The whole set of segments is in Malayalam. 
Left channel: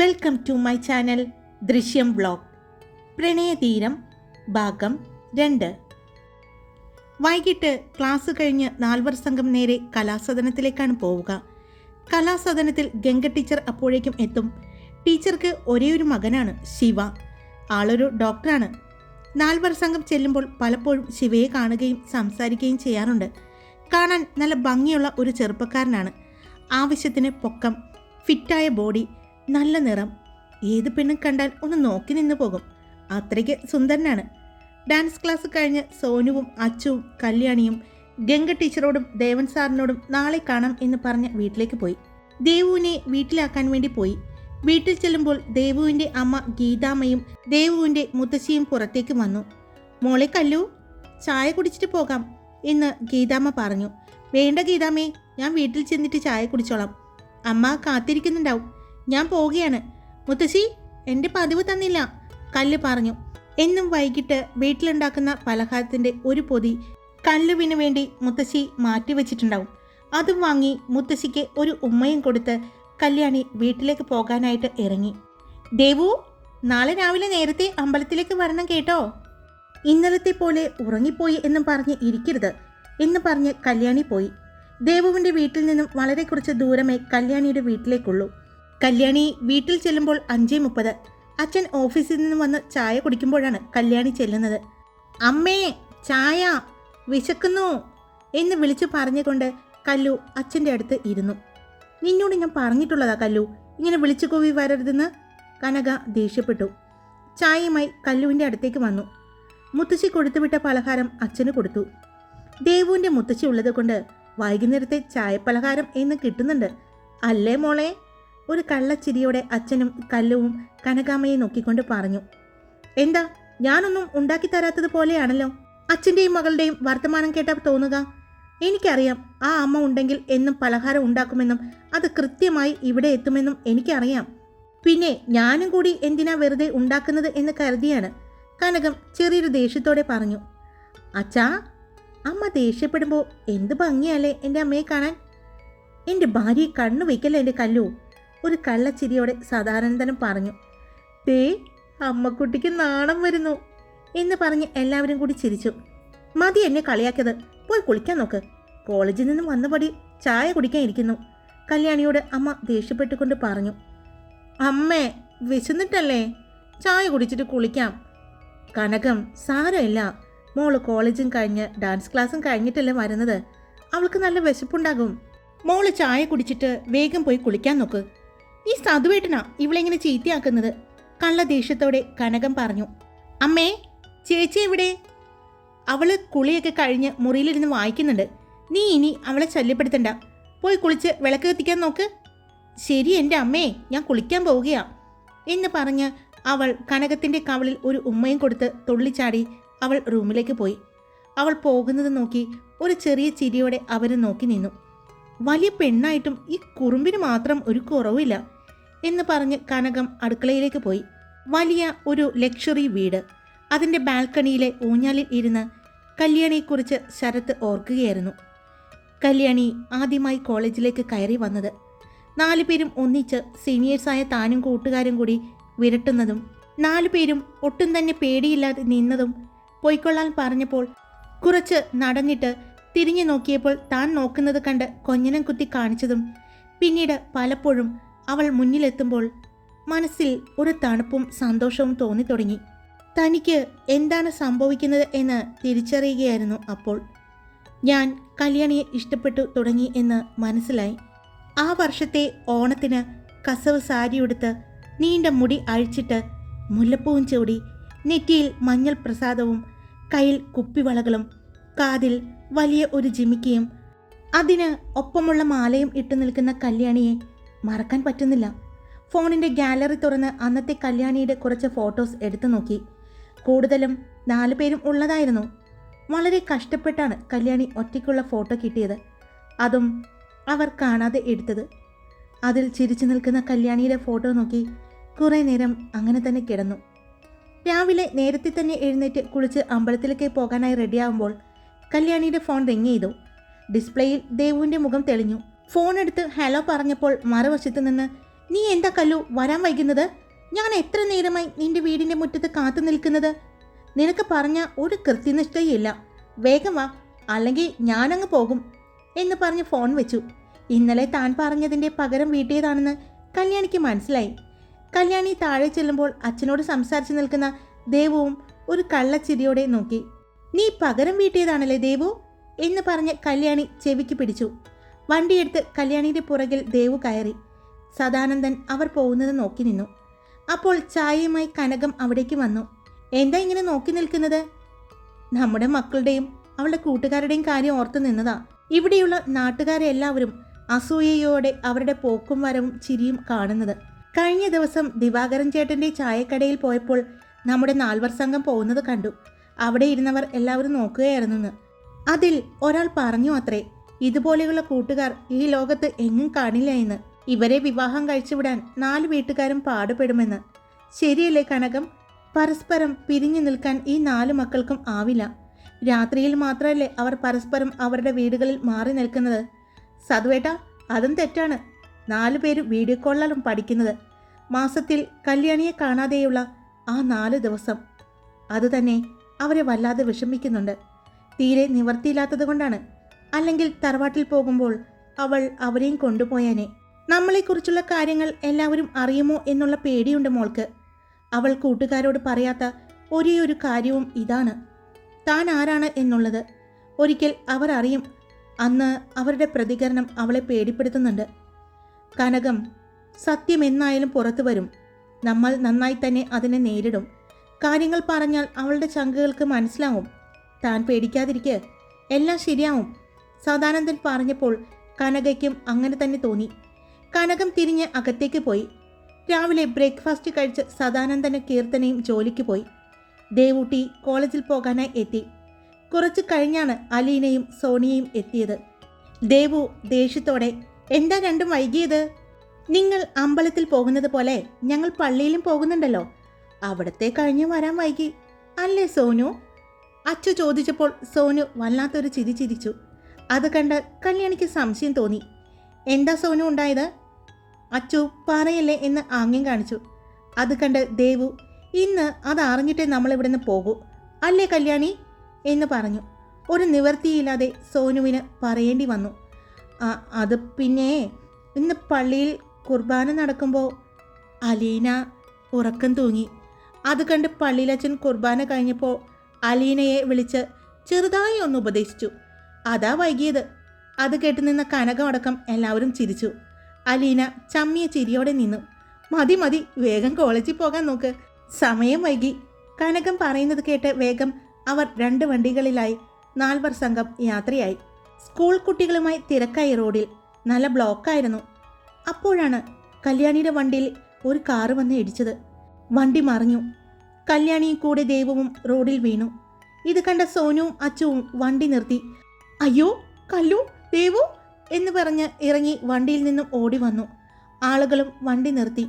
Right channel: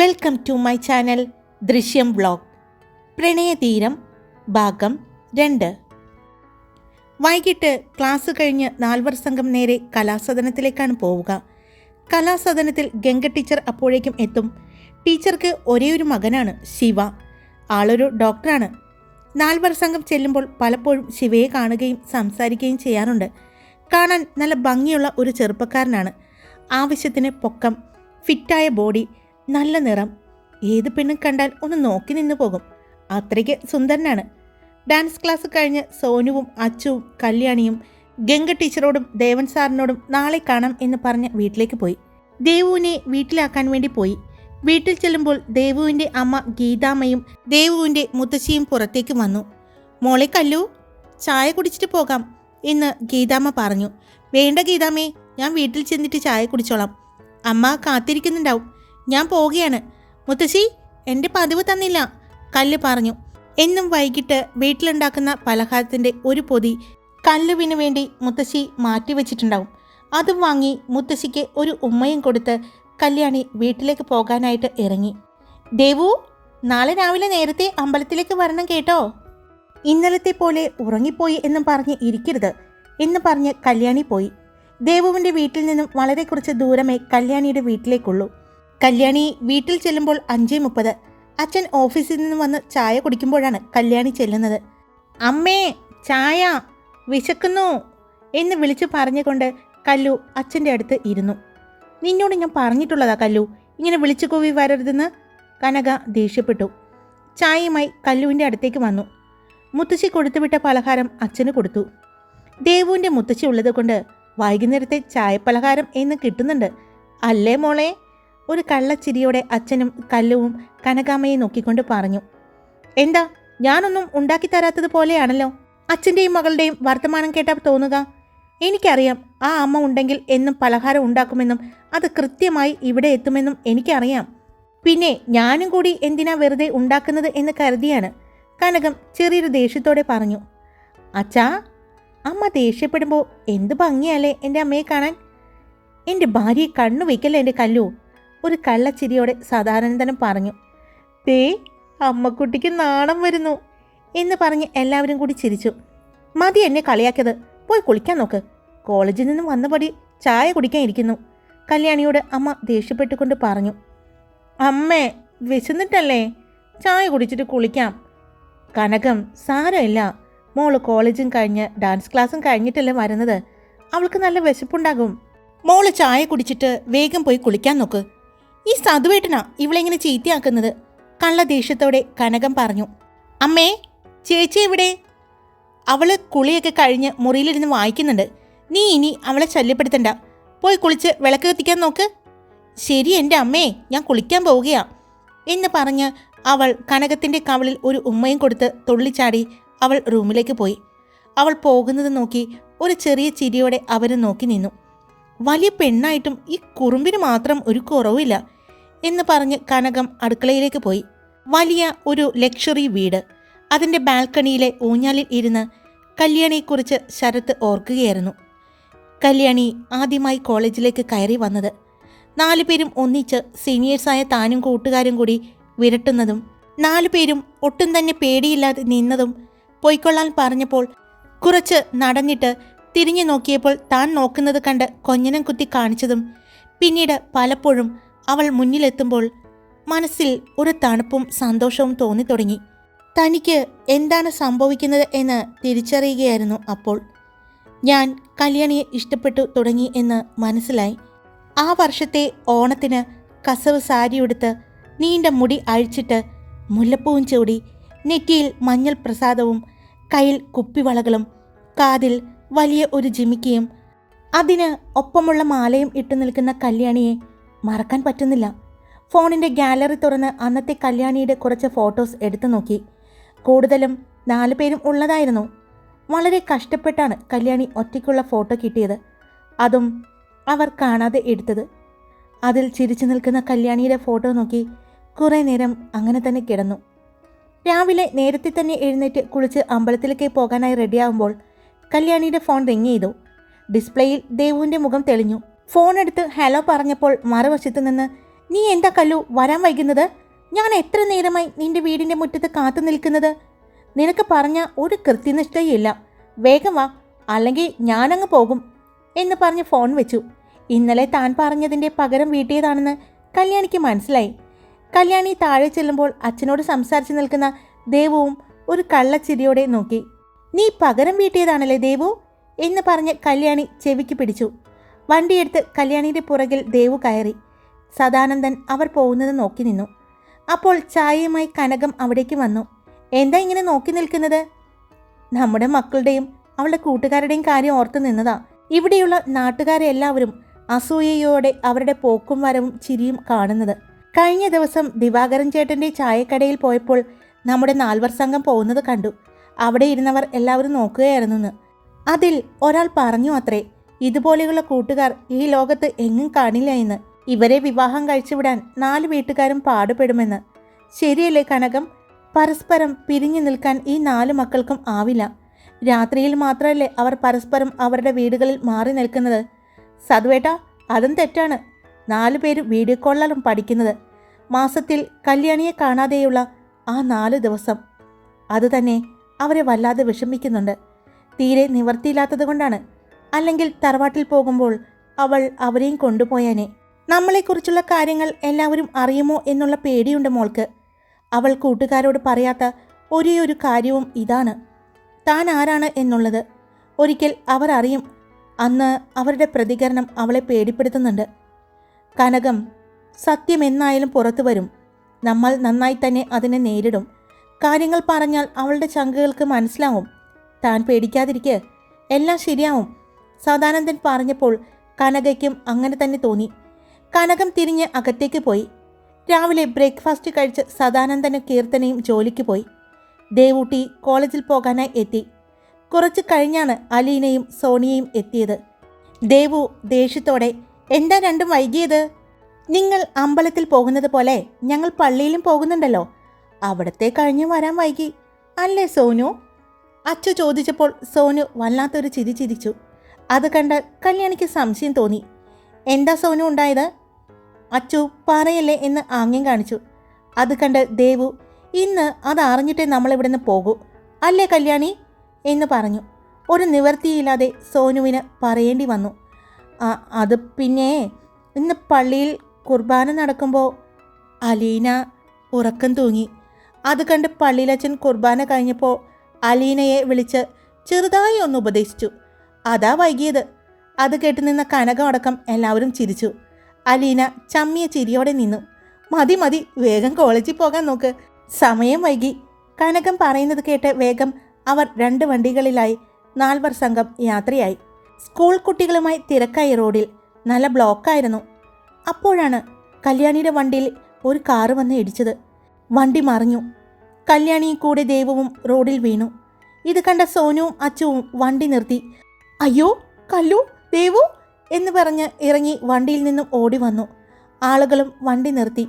വെൽക്കം ടു മൈ ചാനൽ ദൃശ്യം വ്ലോഗ്. പ്രണയതീരം ഭാഗം 2. വൈകിട്ട് ക്ലാസ് കഴിഞ്ഞ് 4 സംഘം നേരെ കലാസദനത്തിലേക്കാണ് പോവുക. കലാസദനത്തിൽ ഗംഗ ടീച്ചർ അപ്പോഴേക്കും എത്തും. ടീച്ചർക്ക് ഒരേയൊരു മകനാണ്, ശിവ. ആളൊരു ഡോക്ടറാണ്. 4 സംഘം ചെല്ലുമ്പോൾ പലപ്പോഴും ശിവയെ കാണുകയും സംസാരിക്കുകയും ചെയ്യാറുണ്ട്. കാണാൻ നല്ല ഭംഗിയുള്ള ഒരു ചെറുപ്പക്കാരനാണ്. ആവശ്യത്തിന് പൊക്കം, ഫിറ്റായ ബോഡി, നല്ല നിറം. ഏത് പെണ്ണും കണ്ടാൽ ഒന്ന് നോക്കി നിന്ന് പോകും. അത്രയ്ക്ക് സുന്ദരനാണ്. ഡാൻസ് ക്ലാസ് കഴിഞ്ഞ് സോനുവും അച്ചുവും കല്യാണിയും ഗംഗ ടീച്ചറോടും ദേവൻ സാറിനോടും നാളെ കാണാം എന്ന് പറഞ്ഞ് വീട്ടിലേക്ക് പോയി. ദേവുവിനെ വീട്ടിലാക്കാൻ വേണ്ടി പോയി. വീട്ടിൽ ചെല്ലുമ്പോൾ ദേവുവിൻ്റെ അമ്മ ഗീതാമ്മയും ദേവുവിൻ്റെ മുത്തശ്ശിയും പുറത്തേക്ക് വന്നു. മോളെ കല്ലു, ചായ കുടിച്ചിട്ട് പോകാം എന്ന് ഗീതാമ്മ പറഞ്ഞു. വേണ്ട ഗീതാമ്മേ, ഞാൻ വീട്ടിൽ ചെന്നിട്ട് ചായ കുടിച്ചോളാം. അമ്മ കാത്തിരിക്കുന്നുണ്ടാവും. ഞാൻ പോവുകയാണ്. മുത്തശ്ശി, എൻ്റെ പതിവ് തന്നില്ല, കല്ല് പറഞ്ഞു. എന്നും വൈകിട്ട് വീട്ടിലുണ്ടാക്കുന്ന പലഹാരത്തിൻ്റെ ഒരു പൊതി കല്ലുവിന് വേണ്ടി മുത്തശ്ശി മാറ്റിവെച്ചിട്ടുണ്ടാവും. അതും വാങ്ങി മുത്തശ്ശിക്ക് ഒരു ഉമ്മയും കൊടുത്ത് കല്യാണി വീട്ടിലേക്ക് പോകാനായിട്ട് ഇറങ്ങി. ദേവു, നാളെ രാവിലെ നേരത്തെ അമ്പലത്തിലേക്ക് വരണം കേട്ടോ. ഇന്നലത്തെ പോലെ ഉറങ്ങിപ്പോയി എന്നും പറഞ്ഞ് ഇരിക്കരുത് എന്ന് പറഞ്ഞ് കല്യാണി പോയി. ദേവുവിൻ്റെ വീട്ടിൽ നിന്നും വളരെ കുറച്ച് ദൂരമേ കല്യാണിയുടെ വീട്ടിലേക്കുള്ളൂ. കല്യാണി വീട്ടിൽ ചെല്ലുമ്പോൾ 5:30. അച്ഛൻ ഓഫീസിൽ നിന്ന് വന്ന് ചായ കുടിക്കുമ്പോഴാണ് കല്യാണി ചെല്ലുന്നത്. അമ്മേ, ചായ, വിശക്കുന്നു എന്ന് വിളിച്ചു പറഞ്ഞുകൊണ്ട് കല്ലു അച്ഛൻ്റെ അടുത്ത് ഇരുന്നു. നിന്നോട് ഞാൻ പറഞ്ഞിട്ടുള്ളതാ കല്ലു, ഇങ്ങനെ വിളിച്ചു കൂവി വരരുതെന്ന്. കനക ദേഷ്യപ്പെട്ടു. ചായയുമായി കല്ലുവിൻ്റെ അടുത്തേക്ക് വന്നു. മുത്തശ്ശി കൊടുത്തുവിട്ട പലഹാരം അച്ഛന് കൊടുത്തു. ദേവുവിൻ്റെ മുത്തശ്ശി ഉള്ളത് കൊണ്ട് വൈകുന്നേരത്തെ ചായപ്പലഹാരം എന്ന് കിട്ടുന്നുണ്ട് അല്ലേ മോളെ? ഒരു കള്ളച്ചിരിയോടെ അച്ഛനും കല്ലുവും കനകാമ്മയെ നോക്കിക്കൊണ്ട് പറഞ്ഞു. എന്താ, ഞാനൊന്നും ഉണ്ടാക്കി തരാത്തത് പോലെയാണല്ലോ അച്ഛൻ്റെയും മകളുടെയും വർത്തമാനം കേട്ടാൽ തോന്നുക. എനിക്കറിയാം, ആ അമ്മ ഉണ്ടെങ്കിൽ എന്നും പലഹാരം ഉണ്ടാക്കുമെന്നും അത് കൃത്യമായി ഇവിടെ എത്തുമെന്നും എനിക്കറിയാം. പിന്നെ ഞാനും കൂടി എന്തിനാ വെറുതെ ഉണ്ടാക്കുന്നത് എന്ന് കരുതിയാണ്, കനകം ചെറിയൊരു ദേഷ്യത്തോടെ പറഞ്ഞു. അച്ഛാ, അമ്മ ദേഷ്യപ്പെടുമ്പോൾ എന്ത് ഭംഗിയല്ലേ എൻ്റെ അമ്മയെ കാണാൻ. എൻ്റെ ഭാര്യയെ കണ്ണു വയ്ക്കല്ലേ എൻ്റെ കല്ലു, ഒരു കള്ളച്ചിരിയോടെ സദാനന്ദനം പറഞ്ഞു. ദേ, അമ്മക്കുട്ടിക്ക് നാണം വരുന്നു എന്ന് പറഞ്ഞ് എല്ലാവരും കൂടി ചിരിച്ചു. മതി എന്നെ കളിയാക്കിയത്, പോയി കുളിക്കാൻ നോക്ക്. കോളേജിൽ നിന്നും വന്നപടി ചായ കുടിക്കാൻ ഇരിക്കുന്നു, കല്യാണിയോട് അമ്മ ദേഷ്യപ്പെട്ടുകൊണ്ട് പറഞ്ഞു. അമ്മേ, വിശന്നിട്ടല്ലേ, ചായ കുടിച്ചിട്ട് കുളിക്കാം. കനകം, സാരമില്ല, മോള് കോളേജും കഴിഞ്ഞ് ഡാൻസ് ക്ലാസ്സും കഴിഞ്ഞിട്ടല്ലേ വരുന്നത്, അവൾക്ക് നല്ല വിശപ്പുണ്ടാകും. മോള് ചായ കുടിച്ചിട്ട് വേഗം പോയി കുളിക്കാൻ നോക്ക്. ഈ സാധുവേട്ടനാ ഇവളെങ്ങനെ ചീത്തയാക്കുന്നത്, കള്ള ദേഷ്യത്തോടെ കനകം പറഞ്ഞു. അമ്മേ, ചേച്ചി എവിടെ? അവള് കുളിയൊക്കെ കഴിഞ്ഞ് മുറിയിലിരുന്ന് വായിക്കുന്നുണ്ട്. നീ ഇനി അവളെ ശല്യപ്പെടുത്തണ്ട, പോയി കുളിച്ച് വിളക്ക് കത്തിക്കാൻ നോക്ക്. ശരി എൻ്റെ അമ്മേ, ഞാൻ കുളിക്കാൻ പോവുകയാ എന്ന് പറഞ്ഞ് അവൾ കനകത്തിൻ്റെ കവളിൽ ഒരു ഉമ്മയും കൊടുത്ത് തുള്ളിച്ചാടി അവൾ റൂമിലേക്ക് പോയി. അവൾ പോകുന്നത് നോക്കി ഒരു ചെറിയ ചിരിയോടെ അവരും നോക്കി നിന്നു. വലിയ പെണ്ണായിട്ടും ഈ കുറുമ്പിന് മാത്രം ഒരു കുറവില്ല എന്ന് പറഞ്ഞ് കനകം അടുക്കളയിലേക്ക് പോയി. വലിയ ഒരു ലക്ഷറി വീട്. അതിൻ്റെ ബാൽക്കണിയിലെ ഊഞ്ഞാലിൽ ഇരുന്ന് കല്യാണിയെക്കുറിച്ച് ശരത്ത് ഓർക്കുകയായിരുന്നു. കല്യാണി ആദ്യമായി കോളേജിലേക്ക് കയറി വന്നത്. 4 പേരും ഒന്നിച്ച് സീനിയേഴ്സായ താനും കൂട്ടുകാരും കൂടി വിരട്ടുന്നതും 4 പേരും ഒട്ടും തന്നെ പേടിയില്ലാതെ നിന്നതും, പൊയ്ക്കൊള്ളാൻ പറഞ്ഞപ്പോൾ കുറച്ച് നടന്നിട്ട് തിരിഞ്ഞു നോക്കിയപ്പോൾ താൻ നോക്കുന്നത് കണ്ട് കൊഞ്ഞനം കുത്തി കാണിച്ചതും, പിന്നീട് പലപ്പോഴും അവൾ മുന്നിലെത്തുമ്പോൾ മനസ്സിൽ ഒരു തണുപ്പും സന്തോഷവും തോന്നിത്തുടങ്ങി. തനിക്ക് എന്താണ് സംഭവിക്കുന്നത് എന്ന് തിരിച്ചറിയുകയായിരുന്നു അപ്പോൾ. ഞാൻ കല്യാണിയെ ഇഷ്ടപ്പെട്ടു തുടങ്ങി എന്ന് മനസ്സിലായി. ആ വർഷത്തെ ഓണത്തിന് കസവ് സാരിയുടുത്ത് നീണ്ട മുടി അഴിച്ചിട്ട് മുല്ലപ്പൂവും ചൂടി, നെറ്റിയിൽ മഞ്ഞൾ പ്രസാദവും, കയ്യിൽ കുപ്പിവളകളും, കാതിൽ വലിയ ഒരു ജിമിക്കിയും, അതിന് ഒപ്പമുള്ള മാലയും ഇട്ടു നിൽക്കുന്ന കല്യാണിയെ മറക്കാൻ പറ്റുന്നില്ല. ഫോണിൻ്റെ ഗാലറി തുറന്ന് അന്നത്തെ കല്യാണിയുടെ കുറച്ച് ഫോട്ടോസ് എടുത്തു നോക്കി. കൂടുതലും 4 പേരും ഉള്ളതായിരുന്നു. വളരെ കഷ്ടപ്പെട്ടാണ് കല്യാണി ഒറ്റയ്ക്കുള്ള ഫോട്ടോ കിട്ടിയത്, അതും അവർ കാണാതെ എടുത്തത്. അതിൽ ചിരിച്ചു നിൽക്കുന്ന കല്യാണിയുടെ ഫോട്ടോ നോക്കി കുറേ നേരം അങ്ങനെ തന്നെ കിടന്നു. രാവിലെ നേരത്തെ തന്നെ എഴുന്നേറ്റ് കുളിച്ച് അമ്പലത്തിലേക്ക് പോകാനായി റെഡിയാകുമ്പോൾ കല്യാണിയുടെ ഫോൺ റിങ് ചെയ്തു. ഡിസ്പ്ലേയിൽ ദേവുവിൻ്റെ മുഖം തെളിഞ്ഞു. ഫോൺ എടുത്ത് ഹലോ പറഞ്ഞപ്പോൾ മറുവശത്തു നിന്ന് നീ എന്താ കല്ലു വരാൻ വൈകുന്നത്? ഞാൻ എത്ര നേരമായി നിന്റെ വീടിൻ്റെ മുറ്റത്ത് കാത്തു നിൽക്കുന്നത്? നിനക്ക് പറഞ്ഞ ഒരു കൃത്യനിഷ്ഠയില്ല. വേഗം വാ, അല്ലെങ്കിൽ ഞാനങ്ങ് പോകും എന്ന് പറഞ്ഞ് ഫോൺ വെച്ചു. ഇന്നലെ താൻ പറഞ്ഞതിൻ്റെ പകരം വീട്ടിയതാണെന്ന് കല്യാണിക്ക് മനസ്സിലായി. കല്യാണി താഴെ ചെല്ലുമ്പോൾ അച്ഛനോട് സംസാരിച്ച് നിൽക്കുന്ന ദേവുവും ഒരു കള്ളച്ചിരിയോടെ നോക്കി. നീ പകരം വീട്ടിയതാണല്ലേ ദേവു എന്ന് പറഞ്ഞ് കല്യാണി ചെവിക്ക് പിടിച്ചു. വണ്ടിയെടുത്ത് കല്യാണിയുടെ പുറകിൽ ദേവു കയറി. സദാനന്ദൻ അവർ പോകുന്നത് നോക്കി നിന്നു. അപ്പോൾ ചായയുമായി കനകം അവിടേക്ക് വന്നു. എന്താ ഇങ്ങനെ നോക്കി നിൽക്കുന്നത്? നമ്മുടെ മക്കളുടെയും അവളുടെ കൂട്ടുകാരുടെയും കാര്യം ഓർത്തു നിന്നതാ. ഇവിടെയുള്ള നാട്ടുകാരെ എല്ലാവരും അസൂയയോടെ അവരുടെ പോക്കും വരവും ചിരിയും കാണുന്നത്. കഴിഞ്ഞ ദിവസം ദിവാകരൻ ചേട്ടൻ്റെ ചായക്കടയിൽ പോയപ്പോൾ നമ്മുടെ 4 സംഘം പോകുന്നത് കണ്ടു. അവിടെ ഇരുന്നവർ എല്ലാവരും നോക്കുകയായിരുന്നെന്ന്. അതിൽ ഒരാൾ പറഞ്ഞു അത്രേ, ഇതുപോലെയുള്ള കൂട്ടുകാർ ഈ ലോകത്ത് എങ്ങും കാണില്ല എന്ന്. ഇവരെ വിവാഹം കഴിച്ചുവിടാൻ 4 വീട്ടുകാരും പാടുപെടുമെന്ന്. ശരിയല്ലേ കനകം? പരസ്പരം പിരിഞ്ഞു നിൽക്കാൻ ഈ 4 മക്കൾക്കും ആവില്ല. രാത്രിയിൽ മാത്രമല്ലേ അവർ പരസ്പരം അവരുടെ വീടുകളിൽ മാറി നിൽക്കുന്നത്. സതുവേട്ടാ, അതും തെറ്റാണ്. 4 പേര് വീഡിയോ കോളിലും പഠിക്കുന്നത്. മാസത്തിൽ കല്യാണിയെ കാണാതെയുള്ള ആ 4 ദിവസം അതുതന്നെ അവരെ വല്ലാതെ വിഷമിക്കുന്നുണ്ട്. തീരെ നിവർത്തിയില്ലാത്തത് കൊണ്ടാണ്. അല്ലെങ്കിൽ തറവാട്ടിൽ പോകുമ്പോൾ അവൾ അവരെയും കൊണ്ടുപോയാനെ. നമ്മളെക്കുറിച്ചുള്ള കാര്യങ്ങൾ എല്ലാവരും അറിയുമോ എന്നുള്ള പേടിയുണ്ട് മോൾക്ക്. അവൾ കൂട്ടുകാരോട് പറയാത്ത ഒരേ ഒരു കാര്യവും ഇതാണ്, താൻ ആരാണ് എന്നുള്ളത്. ഒരിക്കൽ അവർ അറിയും. അന്ന് അവരുടെ പ്രതികരണം അവളെ പേടിപ്പെടുത്തുന്നുണ്ട്. കനകം, സത്യം എന്നായാലും പുറത്തു വരും. നമ്മൾ നന്നായി തന്നെ അതിനെ നേരിടും. കാര്യങ്ങൾ പറഞ്ഞാൽ അവളുടെ ചങ്കുകൾക്ക് മനസ്സിലാവും. താൻ പേടിക്കാതിരിക്കുക, എല്ലാം ശരിയാവും. സദാനന്ദൻ പറഞ്ഞപ്പോൾ കനകയ്ക്കും അങ്ങനെ തന്നെ തോന്നി. കനകം തിരിഞ്ഞ് അകത്തേക്ക് പോയി. രാവിലെ ബ്രേക്ക്ഫാസ്റ്റ് കഴിച്ച് സദാനന്ദനും കീർത്തനയും ജോലിക്ക് പോയി. ദേവൂട്ടി കോളേജിൽ പോകാനായി എത്തി. കുറച്ച് കഴിഞ്ഞാണ് അലീനയും സോണിയയും എത്തിയത്. ദേവു ദേഷ്യത്തോടെ, എന്താ രണ്ടും വൈകിയത്? നിങ്ങൾ അമ്പലത്തിൽ പോകുന്നത് പോലെ ഞങ്ങൾ പള്ളിയിലും പോകുന്നുണ്ടല്ലോ, അവിടത്തെ കഴിഞ്ഞ് വരാൻ വൈകി അല്ലേ സോനു? അച്ചു ചോദിച്ചപ്പോൾ സോനു വല്ലാത്തൊരു ചിരി ചിരിച്ചു. അത് കണ്ട് കല്യാണിക്ക് സംശയം തോന്നി. എന്താ സോനു ഉണ്ടായത്? അച്ചു പറയല്ലേ എന്ന് ആംഗ്യം കാണിച്ചു. അത് കണ്ട് ദേവു, ഇന്ന് അത് അറിഞ്ഞിട്ടേ നമ്മളിവിടുന്ന് പോകൂ അല്ലേ കല്യാണി എന്ന് പറഞ്ഞു. ഒരു നിവർത്തിയില്ലാതെ സോനുവിന് പറയേണ്ടി വന്നു. അത് പിന്നെ ഇന്ന് പള്ളിയിൽ കുർബാന നടക്കുമ്പോൾ. അലീന ഉറക്കം തൂങ്ങി. അത് കണ്ട് പള്ളിയിലച്ഛൻ കുർബാന കഴിഞ്ഞപ്പോൾ അലീനയെ വിളിച്ച് ചെറുതായി ഒന്ന് ഉപദേശിച്ചു. അതാ വൈകിയത്. അത് കേട്ട് നിന്ന കനകം അടക്കം എല്ലാവരും ചിരിച്ചു. അലീന ചമ്മിയ ചിരിയോടെ നിന്നു. മതി മതി, വേഗം കോളേജിൽ പോകാൻ നോക്ക്, സമയം വൈകി. കനകം പറയുന്നത് കേട്ട് വേഗം അവർ 2 വണ്ടികളിലായി 4 സംഘം യാത്രയായി. സ്കൂൾ കുട്ടികളുമായി തിരക്കായി. റോഡിൽ നല്ല ബ്ലോക്കായിരുന്നു. അപ്പോഴാണ് കല്യാണിയുടെ വണ്ടിയിൽ ഒരു കാറ് വന്ന് ഇടിച്ചത്. വണ്ടി മറിഞ്ഞു. കല്യാണിയും കൂടെ ദേവുവും റോഡിൽ വീണു. ഇത് കണ്ട സോനുവും അച്ചുവും വണ്ടി നിർത്തി. അയ്യോ കല്ലു, ദേവു എന്ന് പറഞ്ഞ് ഇറങ്ങി വണ്ടിയിൽ നിന്നും ഓടി വന്നു. ആളുകളും വണ്ടി നിർത്തി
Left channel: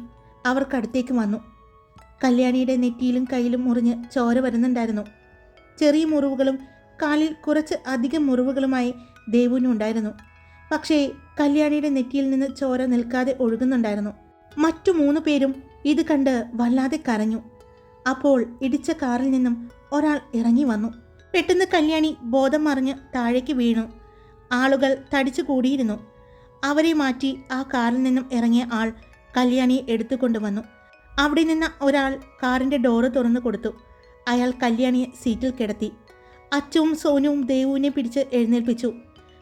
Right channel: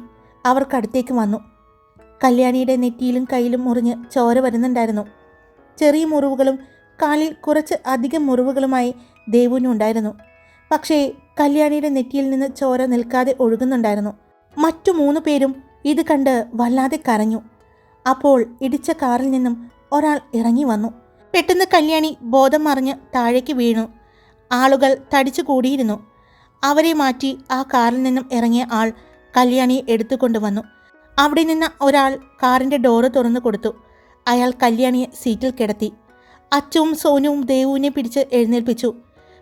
അവർക്കടുത്തേക്ക് വന്നു. കല്യാണിയുടെ നെറ്റിയിലും കയ്യിലും മുറിഞ്ഞ് ചോര വരുന്നുണ്ടായിരുന്നു. ചെറിയ മുറിവുകളും കാലിൽ കുറച്ച് അധികം മുറിവുകളുമായി ദേവുവിനുണ്ടായിരുന്നു. പക്ഷേ കല്യാണിയുടെ നെറ്റിയിൽ നിന്ന് ചോര നിൽക്കാതെ ഒഴുകുന്നുണ്ടായിരുന്നു. മറ്റു 3 പേരും ഇത് കണ്ട് വല്ലാതെ കരഞ്ഞു. അപ്പോൾ ഇടിച്ച കാറിൽ നിന്നും ഒരാൾ ഇറങ്ങി വന്നു. പെട്ടെന്ന് കല്യാണി ബോധം മറിഞ്ഞ് താഴേക്ക് വീണു. ആളുകൾ തടിച്ചു കൂടിയിരുന്നു. അവരെ മാറ്റി ആ കാറിൽ നിന്നും ഇറങ്ങിയ ആൾ കല്യാണിയെ എടുത്തുകൊണ്ടുവന്നു. അവിടെ നിന്ന് ഒരാൾ കാറിൻ്റെ ഡോറ് തുറന്നു കൊടുത്തു. അയാൾ കല്യാണിയെ സീറ്റിൽ കിടത്തി. അച്ചുവും സോനുവും ദേവുവിനെ പിടിച്ച് എഴുന്നേൽപ്പിച്ചു.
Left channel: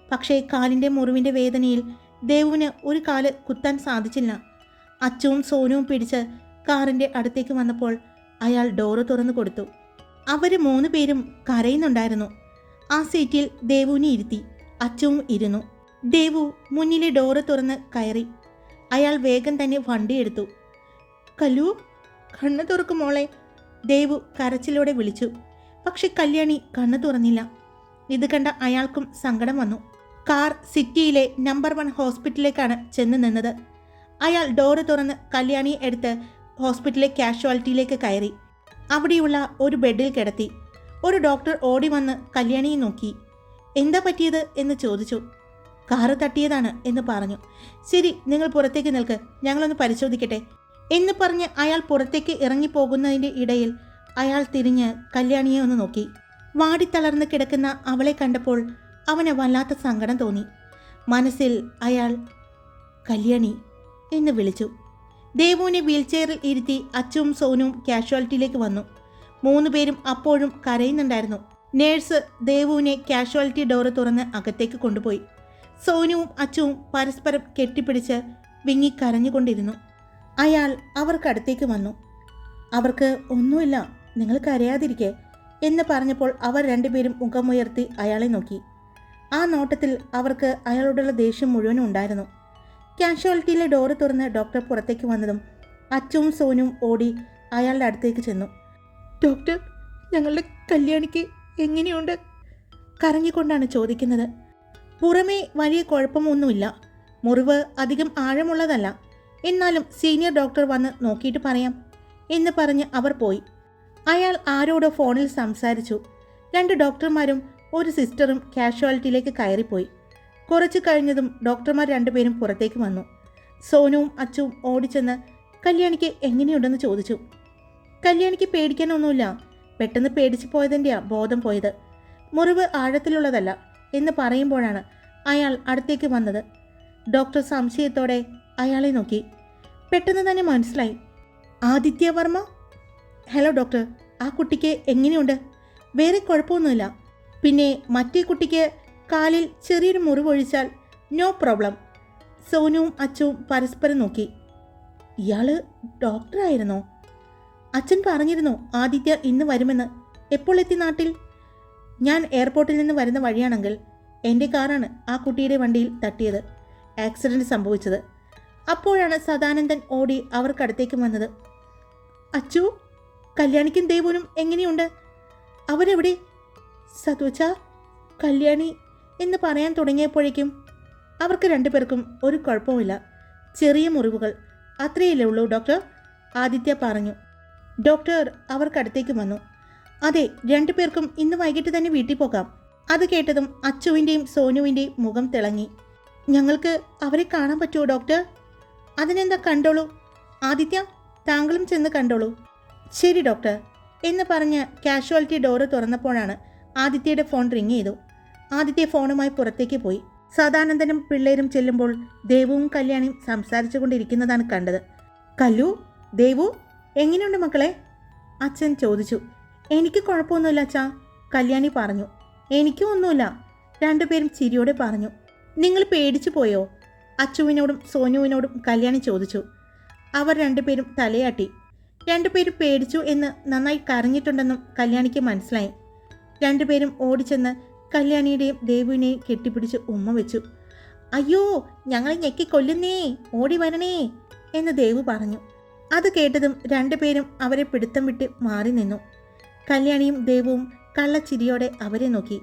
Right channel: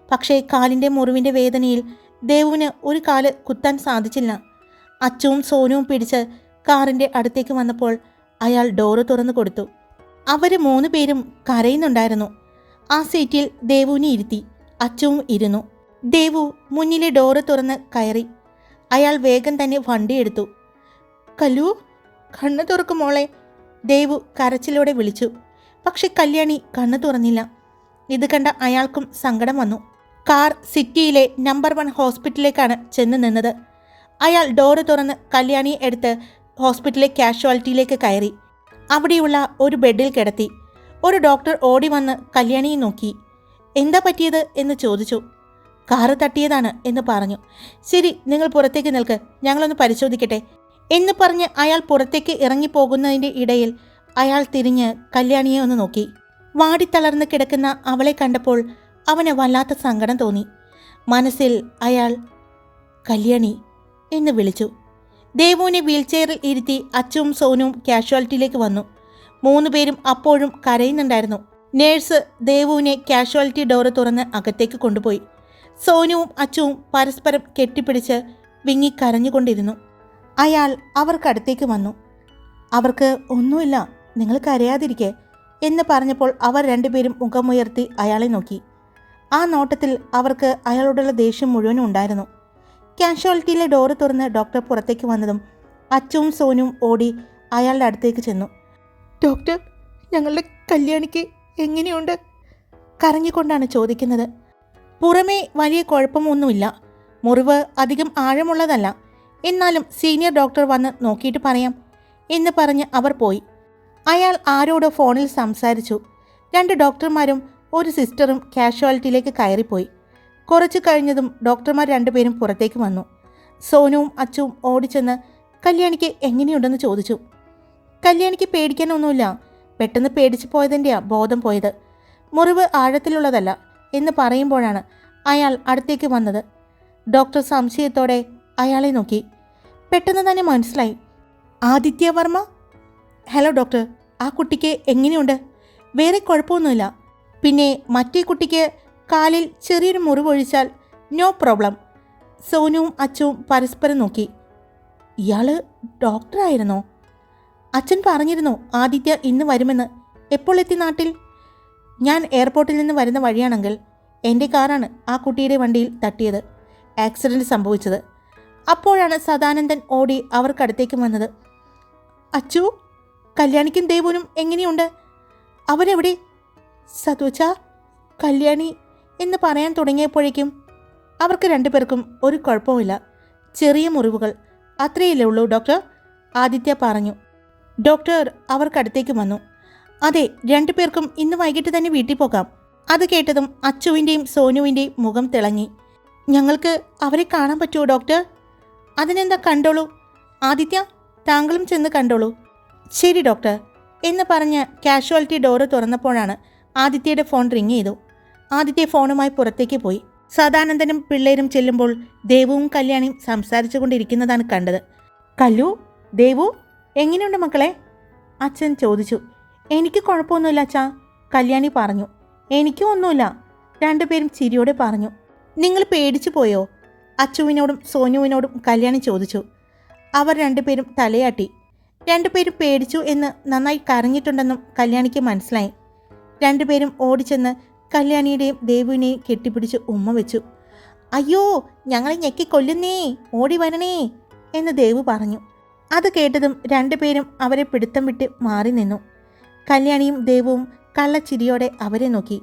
പക്ഷേ കാലിൻ്റെ മുറിവിൻ്റെ വേദനയിൽ ദേവുവിന് ഒരു കാല് കുത്താൻ സാധിച്ചില്ല. അച്ചുവും സോനുവും പിടിച്ച് കാറിൻ്റെ അടുത്തേക്ക് വന്നപ്പോൾ അയാൾ ഡോറ് തുറന്നു കൊടുത്തു. അവർ 3 പേരും കരയുന്നുണ്ടായിരുന്നു. ആ സീറ്റിൽ ദേവുവിനെ ഇരുത്തി. അച്ചുവും ഇരുന്നു. ദേവു മുന്നിലെ ഡോറ് തുറന്ന് കയറി. അയാൾ വേഗം തന്നെ വണ്ടിയെടുത്തു. കല്ലു, കണ്ണ് തുറക്കും മോളെ, ദേവു കരച്ചിലോടെ വിളിച്ചു. പക്ഷെ കല്യാണി കണ്ണ് തുറന്നില്ല. ഇത് കണ്ട അയാൾക്കും സങ്കടം വന്നു. കാർ സിറ്റിയിലെ നമ്പർ 1 ഹോസ്പിറ്റലിലേക്കാണ് ചെന്ന് നിന്നത്. അയാൾ ഡോറ് തുറന്ന് കല്യാണിയെ എടുത്ത് ഹോസ്പിറ്റലിലെ കാഷ്വാലിറ്റിയിലേക്ക് കയറി. അവിടെയുള്ള ഒരു ബെഡിൽ കിടത്തി. ഒരു ഡോക്ടർ ഓടി വന്ന് കല്യാണിയെ നോക്കി. എന്താ പറ്റിയത് എന്ന് ചോദിച്ചു. കാറ് തട്ടിയതാണ് എന്ന് പറഞ്ഞു. ശരി, നിങ്ങൾ പുറത്തേക്ക് നിൽക്ക്, ഞങ്ങളൊന്ന് പരിശോധിക്കട്ടെ എന്ന് പറഞ്ഞ് അയാൾ പുറത്തേക്ക് ഇറങ്ങിപ്പോകുന്നതിൻ്റെ ഇടയിൽ അയാൾ തിരിഞ്ഞ് കല്യാണിയെ ഒന്ന് നോക്കി. വാടിത്തളർന്ന് കിടക്കുന്ന അവളെ കണ്ടപ്പോൾ അവന് വല്ലാത്ത സങ്കടം തോന്നി. മനസ്സിൽ അയാൾ കല്യാണി എന്ന് വിളിച്ചു. ദേവുവിനെ വീൽചെയറിൽ ഇരുത്തി അച്ചുവും സോനുവും കാഷ്വാലിറ്റിയിലേക്ക് വന്നു. 3 പേരും അപ്പോഴും കരയുന്നുണ്ടായിരുന്നു. നേഴ്സ് ദേവുവിനെ കാഷ്വാലിറ്റി ഡോറ് തുറന്ന് അകത്തേക്ക് കൊണ്ടുപോയി. സോനുവും അച്ചുവും പരസ്പരം കെട്ടിപ്പിടിച്ച് വിങ്ങിക്കരഞ്ഞുകൊണ്ടിരുന്നു. അയാൾ അവർക്കടുത്തേക്ക് വന്നു. അവർക്ക് ഒന്നുമില്ല, നിങ്ങൾ കരയാതിരിക്കെ എന്ന് പറഞ്ഞപ്പോൾ അവർ 2 പേരും മുഖമുയർത്തി അയാളെ നോക്കി. ആ നോട്ടത്തിൽ അവർക്ക് അയാളോടുള്ള ദേഷ്യം മുഴുവനും ഉണ്ടായിരുന്നു. കാഷ്വാലിറ്റിയിലെ ഡോറ് തുറന്ന് ഡോക്ടർ പുറത്തേക്ക് വന്നതും അച്ചുവും സോനുവും ഓടി അയാളുടെ അടുത്തേക്ക് ചെന്നു. ഡോക്ടർ, ഞങ്ങളുടെ കല്യാണിക്ക് എങ്ങനെയുണ്ട്? കരഞ്ഞുകൊണ്ടാണ് ചോദിക്കുന്നത്. പുറമേ വലിയ കുഴപ്പമൊന്നുമില്ല, മുറിവ് അധികം ആഴമുള്ളതല്ല, എന്നാലും സീനിയർ ഡോക്ടർ വന്ന് നോക്കിയിട്ട് പറയാം എന്ന് പറഞ്ഞ് അവർ പോയി. അയാൾ ആരോടോ ഫോണിൽ സംസാരിച്ചു. 2 ഡോക്ടർമാരും ഒരു സിസ്റ്ററും കാഷ്വാലിറ്റിയിലേക്ക് കയറിപ്പോയി. കുറച്ച് കഴിഞ്ഞതും ഡോക്ടർമാർ 2 പേരും പുറത്തേക്ക് വന്നു. സോനുവും അച്ചുവും ഓടിച്ചെന്ന് കല്യാണിക്ക് എങ്ങനെയുണ്ടെന്ന് ചോദിച്ചു. കല്യാണിക്ക് പേടിക്കാനൊന്നുമില്ല, പെട്ടെന്ന് പേടിച്ചു പോയതിൻ്റെയാ ബോധം പോയത്, മുറിവ് ആഴത്തിലുള്ളതല്ല എന്ന് പറയുമ്പോഴാണ് അയാൾ അടുത്തേക്ക് വന്നത്. ഡോക്ടർ സംശയത്തോടെ അയാളെ നോക്കി. പെട്ടെന്ന് തന്നെ മനസ്സിലായി. ആദിത്യ വർമ്മ? ഹലോ ഡോക്ടർ, ആ കുട്ടിക്ക് എങ്ങനെയുണ്ട്? വേറെ കുഴപ്പമൊന്നുമില്ല. പിന്നെ മറ്റേ കുട്ടിക്ക് കാലിൽ ചെറിയൊരു മുറിവൊഴിച്ചാൽ നോ പ്രോബ്ലം. സോനുവും അച്ചുവും പരസ്പരം നോക്കി. ഇയാൾ ഡോക്ടറായിരുന്നോ? അച്ഛൻ പറഞ്ഞിരുന്നു ആദിത്യ ഇന്ന് വരുമെന്ന്. എപ്പോൾ എത്തി നാട്ടിൽ? ഞാൻ എയർപോർട്ടിൽ നിന്ന് വരുന്ന വഴിയാണെങ്കിൽ എൻ്റെ കാറാണ് ആ കുട്ടിയുടെ വണ്ടിയിൽ തട്ടിയത്, ആക്സിഡൻറ്റ് സംഭവിച്ചത്. അപ്പോഴാണ് സദാനന്ദൻ ഓടി അവർക്കടുത്തേക്ക് വന്നത്. അച്ചു, കല്യാണിക്കും ദേവുനും എങ്ങനെയുണ്ട്? അവരെവിടെ? സതോച്ച, കല്യാണി എന്ന് പറയാൻ തുടങ്ങിയപ്പോഴേക്കും അവർക്ക് 2 പേർക്കും ഒരു കുഴപ്പമില്ല, ചെറിയ മുറിവുകൾ, അത്രയല്ലേ ഉള്ളൂ ഡോക്ടർ, ആദിത്യ പറഞ്ഞു. ഡോക്ടർ അവർക്കടുത്തേക്ക് വന്നു. അതെ, 2 പേർക്കും ഇന്ന് വൈകിട്ട് തന്നെ വീട്ടിൽ പോകാം. അത് കേട്ടതും അച്ചുവിൻ്റെയും സോനുവിൻ്റെയും മുഖം തിളങ്ങി. ഞങ്ങൾക്ക് അവരെ കാണാൻ പറ്റുമോ ഡോക്ടർ? അതിനെന്താ, കണ്ടോളൂ. ആദിത്യ, താങ്കളും ചെന്ന് കണ്ടോളൂ. ശരി ഡോക്ടർ എന്ന് പറഞ്ഞ് കാഷ്വാലിറ്റി ഡോറ് തുറന്നപ്പോഴാണ് ആദിത്യയുടെ ഫോൺ റിങ് ചെയ്തു. ആദിത്യ ഫോണുമായി പുറത്തേക്ക് പോയി. സദാനന്ദനും പിള്ളേരും ചെല്ലുമ്പോൾ ദേവുവും കല്യാണിയും സംസാരിച്ചു കൊണ്ടിരിക്കുന്നതാണ് കണ്ടത്. കല്ലു, ദേവു, എങ്ങനെയുണ്ട് മക്കളെ? അച്ഛൻ ചോദിച്ചു. എനിക്ക് കുഴപ്പമൊന്നുമില്ല അച്ഛാ, കല്യാണി പറഞ്ഞു. എനിക്കും ഒന്നുമില്ല, 2 പേരും ചിരിയോടെ പറഞ്ഞു. നിങ്ങൾ പേടിച്ചു പോയോ? അച്ചുവിനോടും സോനുവിനോടും കല്യാണി ചോദിച്ചു. അവർ 2 പേരും തലയാട്ടി. 2 പേരും പേടിച്ചു എന്ന് നന്നായി കരഞ്ഞിട്ടുണ്ടെന്നും കല്യാണിക്ക് മനസ്സിലായി. 2 പേരും ഓടിച്ചെന്ന് കല്യാണിയുടെയും ദേവുവിനെയും കെട്ടിപ്പിടിച്ച് ഉമ്മ വെച്ചു. അയ്യോ, ഞങ്ങളെ ഞെക്കി കൊല്ലുന്നേ, ഓടി വരണേ എന്ന് ദേവു പറഞ്ഞു. അത് കേട്ടതും 2 പേരും അവരെ പിടുത്തം വിട്ട് മാറി നിന്നു. കല്യാണിയും ദേവുവും കള്ളച്ചിരിയോടെ അവരെ നോക്കി.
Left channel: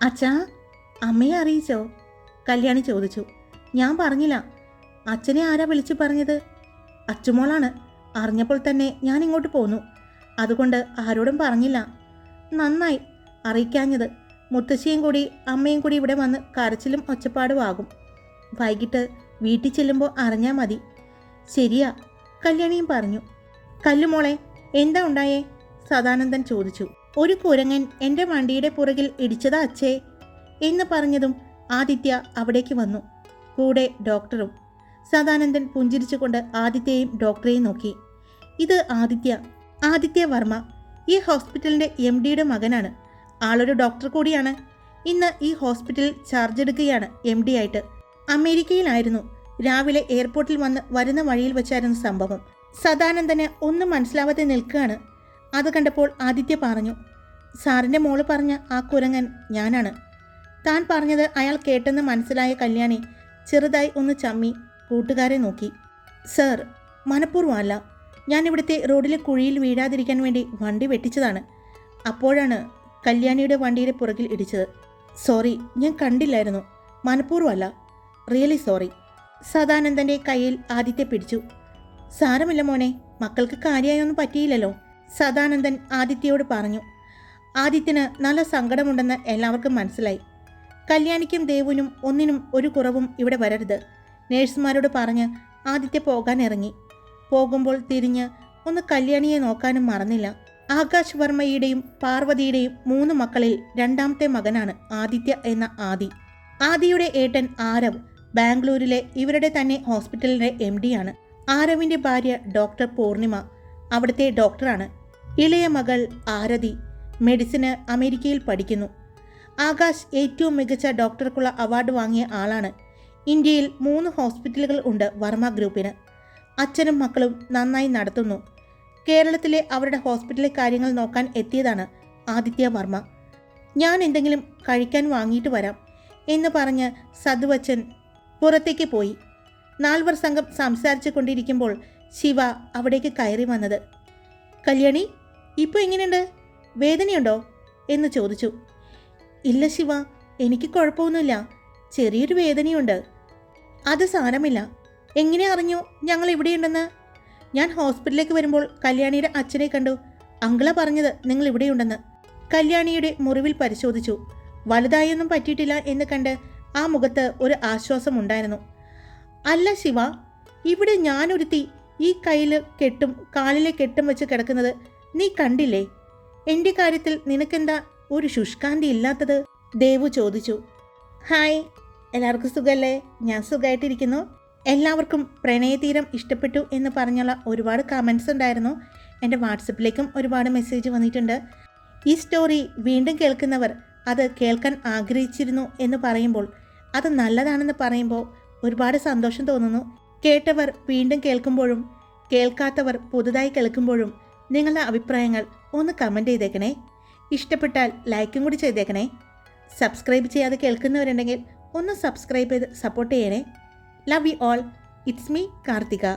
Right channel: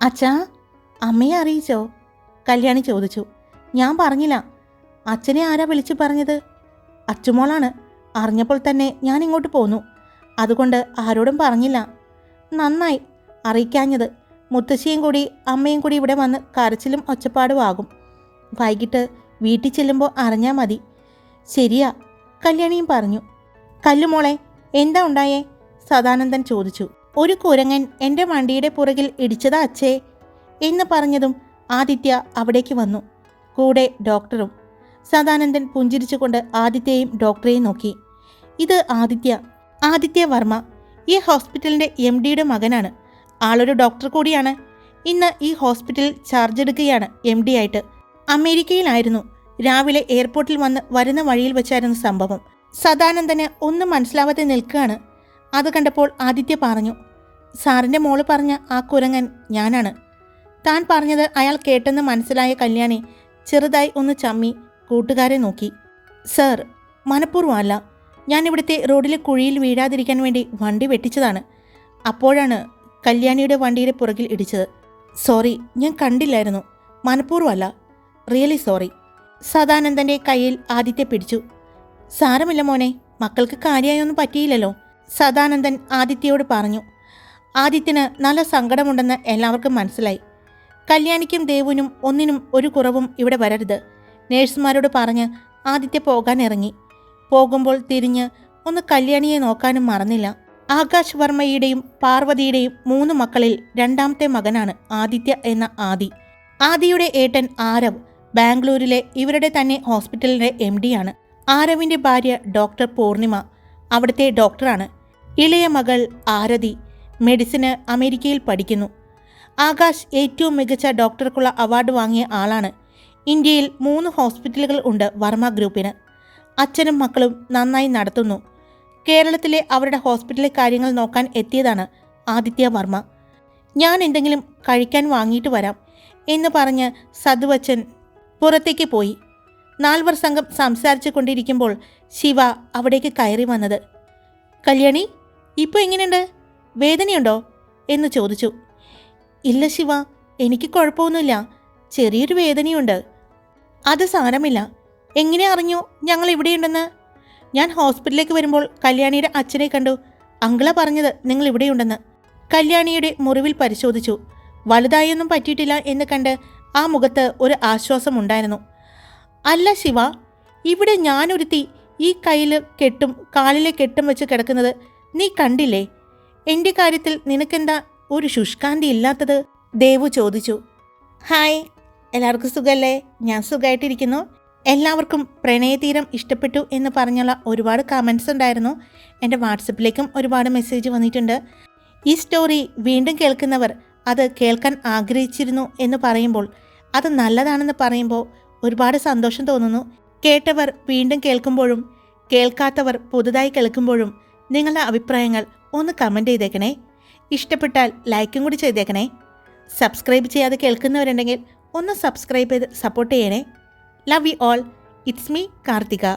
അച്ഛാ, അമ്മയെ അറിയിച്ചോ? കല്യാണി ചോദിച്ചു. ഞാൻ പറഞ്ഞില്ല. അച്ഛനെ ആരാ വിളിച്ചു പറഞ്ഞത്? അച്ചുമോളാണ്. അറിഞ്ഞപ്പോൾ തന്നെ ഞാൻ ഇങ്ങോട്ട് പോന്നു, അതുകൊണ്ട് ആരോടും പറഞ്ഞില്ല. നന്നായി അറിയിക്കാഞ്ഞത്. മുത്തശ്ശിയും കൂടി അമ്മയും കൂടി ഇവിടെ വന്ന് കരച്ചിലും ഒച്ചപ്പാടും ആകും. വൈകിട്ട് വീട്ടിൽ ചെല്ലുമ്പോൾ അറിഞ്ഞാൽ മതി. ശരിയാ, കല്യാണിയും പറഞ്ഞു. കല്ലുമോളെ, എന്താ ഉണ്ടായേ? സദാനന്ദൻ ചോദിച്ചു. ഒരു കുരങ്ങൻ എൻ്റെ വണ്ടിയുടെ പുറകിൽ ഇടിച്ചതാ അച്ഛേ എന്ന് പറഞ്ഞതും ആദിത്യ അവിടേക്ക് വന്നു, കൂടെ ഡോക്ടറും. സദാനന്ദൻ പുഞ്ചിരിച്ചുകൊണ്ട് ആദിത്യയെയും ഡോക്ടറെയും നോക്കി. ഇത് ആദിത്യ വർമ്മ, ഈ ഹോസ്പിറ്റലിൻ്റെ MDയുടെ മകനാണ്. ആളൊരു ഡോക്ടർ കൂടിയാണ്. ഇന്ന് ഈ ഹോസ്പിറ്റലിൽ ചാർജ് എടുക്കുകയാണ് MD ആയിട്ട്. അമേരിക്കയിലായിരുന്നു. രാവിലെ എയർപോർട്ടിൽ വരുന്ന വഴിയിൽ വെച്ചായിരുന്നു സംഭവം. സദാനന്ദന് ഒന്നും മനസ്സിലാവാതെ നിൽക്കുകയാണ്. അത് കണ്ടപ്പോൾ ആദിത്യ പറഞ്ഞു. സാറിൻ്റെ മോള് പറഞ്ഞ ആ കുരങ്ങൻ ഞാനാണ്. താൻ പറഞ്ഞത് അയാൾ കേട്ടെന്ന് മനസ്സിലായ കല്യാണി ചെറുതായി ഒന്ന് ചമ്മി കൂട്ടുകാരെ നോക്കി. സർ, മനഃപൂർവ്വമല്ല. ഞാൻ ഇവിടുത്തെ റോഡിലെ കുഴിയിൽ വീഴാതിരിക്കാൻ വേണ്ടി വണ്ടി വെട്ടിച്ചതാണ്. അപ്പോഴാണ് കല്യാണിയുടെ വണ്ടിയുടെ പുറകിൽ ഇടിച്ചത്. സോറി, ഞാൻ കണ്ടില്ലായിരുന്നു. മനഃപൂർവ്വമല്ല, റിയലി സോറി. സദാനന്ദൻ്റെ കയ്യിൽ ആദിത്യ പിടിച്ചു. സാരമില്ല മോനെ, മക്കൾക്ക് കാര്യമായൊന്നും പറ്റിയില്ലല്ലോ, സദാനന്ദൻ ആദിത്യയോട് പറഞ്ഞു. ആദിത്യന് നല്ല സങ്കടമുണ്ടെന്ന് എല്ലാവർക്കും മനസ്സിലായി. കല്യാണിക്കും ദേവുനും ഒന്നിനും ഒരു കുറവും ഇവിടെ വരരുത്. നേഴ്സുമാരോട് പറഞ്ഞ് ആദിത്യ പോകാൻ ഇറങ്ങി. പോകുമ്പോൾ തിരിഞ്ഞ് ഒന്ന് കല്യാണിയെ നോക്കാനും മറന്നില്ല. ആകാശ് വർമ്മയുടെയും പാർവതിയുടെയും 3 മക്കളിൽ 2ാമത്തെ മകനാണ് ആദിത്യ എന്ന ആദി. ആദിയുടെ ഏട്ടൻ ആരവ് ബാംഗ്ലൂരിലെ ഇവരുടെ തന്നെ ഹോസ്പിറ്റലിൻ്റെ MD ആണ്. ആരവിൻ്റെ ഭാര്യ ഡോക്ടർ പൂർണിമ അവിടുത്തെ ഡോക്ടറാണ്. ഇളയ മകൾ ആരതി മെഡിസിന് അമേരിക്കയിൽ പഠിക്കുന്നു. ആകാശ് ഏറ്റവും മികച്ച ഡോക്ടർക്കുള്ള അവാർഡ് വാങ്ങിയ ആളാണ്. ഇന്ത്യയിൽ 3 ഹോസ്പിറ്റലുകൾ ഉണ്ട് വർമ്മ ഗ്രൂപ്പിന്. അച്ഛനും മക്കളും നന്നായി നടത്തുന്നു. കേരളത്തിലെ അവരുടെ ഹോസ്പിറ്റലിലെ കാര്യങ്ങൾ നോക്കാൻ എത്തിയതാണ് ആദിത്യ വർമ്മ. ഞാൻ എന്തെങ്കിലും കഴിക്കാൻ വാങ്ങിയിട്ട് വരാം എന്ന് പറഞ്ഞ് സതുവച്ചൻ പുറത്തേക്ക് പോയി. 4 സംഘം സംസാരിച്ചു കൊണ്ടിരിക്കുമ്പോൾ ശിവ അവിടേക്ക് കയറി വന്നത്. കല്യാണി, ഇപ്പോൾ എങ്ങനെയുണ്ട്? വേദനയുണ്ടോ എന്ന് ചോദിച്ചു. ഇല്ല ശിവ, എനിക്ക് കുഴപ്പമൊന്നുമില്ല. ചെറിയൊരു വേദനയുണ്ട്. അത് സാരമില്ല. എങ്ങനെ അറിഞ്ഞു ഞങ്ങൾ ഇവിടെയുണ്ടെന്ന്? ഞാൻ ഹോസ്പിറ്റലിലേക്ക് വരുമ്പോൾ കല്യാണിയുടെ അച്ഛനെ കണ്ടു. അങ്കിള പറഞ്ഞത് നിങ്ങൾ ഇവിടെയുണ്ടെന്ന്. കല്യാണിയുടെ മുറിവിൽ പരിശോധിച്ചു. വലുതായൊന്നും പറ്റിയിട്ടില്ല എന്ന് കണ്ട് ആ മുഖത്ത് ഒരു ആശ്വാസമുണ്ടായിരുന്നു. അല്ല ശിവ, ഇവിടെ ഞാനൊരുത്തി ഈ കയ്യിൽ കെട്ടും കാലിലെ കെട്ടും വെച്ച് കിടക്കുന്നത് നീ കണ്ടില്ലേ? എൻ്റെ കാര്യത്തിൽ നിനക്കെന്താ ഒരു ശുഷ്കാന്തി ഇല്ലാത്തത്? ദേവു ചോദിച്ചു. ഹായ്, എല്ലാവർക്കും സുഖമല്ലേ? ഞാൻ സുഖമായിട്ടിരിക്കുന്നു. എല്ലാവർക്കും പ്രണയതീരം ഇഷ്ടപ്പെട്ടു എന്ന് പറഞ്ഞുള്ള ഒരുപാട് കമൻസ് ഉണ്ടായിരുന്നു. എൻ്റെ വാട്സപ്പിലേക്കും ഒരുപാട് മെസ്സേജ് വന്നിട്ടുണ്ട്. ഈ സ്റ്റോറി വീണ്ടും കേൾക്കുന്നവർ അത് കേൾക്കാൻ ആഗ്രഹിച്ചിരുന്നു എന്ന് പറയുമ്പോൾ, അത് നല്ലതാണെന്ന് പറയുമ്പോൾ ഒരുപാട് സന്തോഷം തോന്നുന്നു. കേട്ടവർ വീണ്ടും കേൾക്കുമ്പോഴും കേൾക്കാത്തവർ പുതുതായി കേൾക്കുമ്പോഴും നിങ്ങളുടെ അഭിപ്രായങ്ങൾ ഒന്ന് കമൻറ്റ് ചെയ്തേക്കണേ. ഇഷ്ടപ്പെട്ടാൽ ലൈക്കും കൂടി ചെയ്തേക്കണേ. സബ്സ്ക്രൈബ് ചെയ്യാതെ കേൾക്കുന്നവരുണ്ടെങ്കിൽ ഒന്ന് സബ്സ്ക്രൈബ് ചെയ്ത് സപ്പോർട്ട് ചെയ്യണേ. Love you all. It's me, Karthika.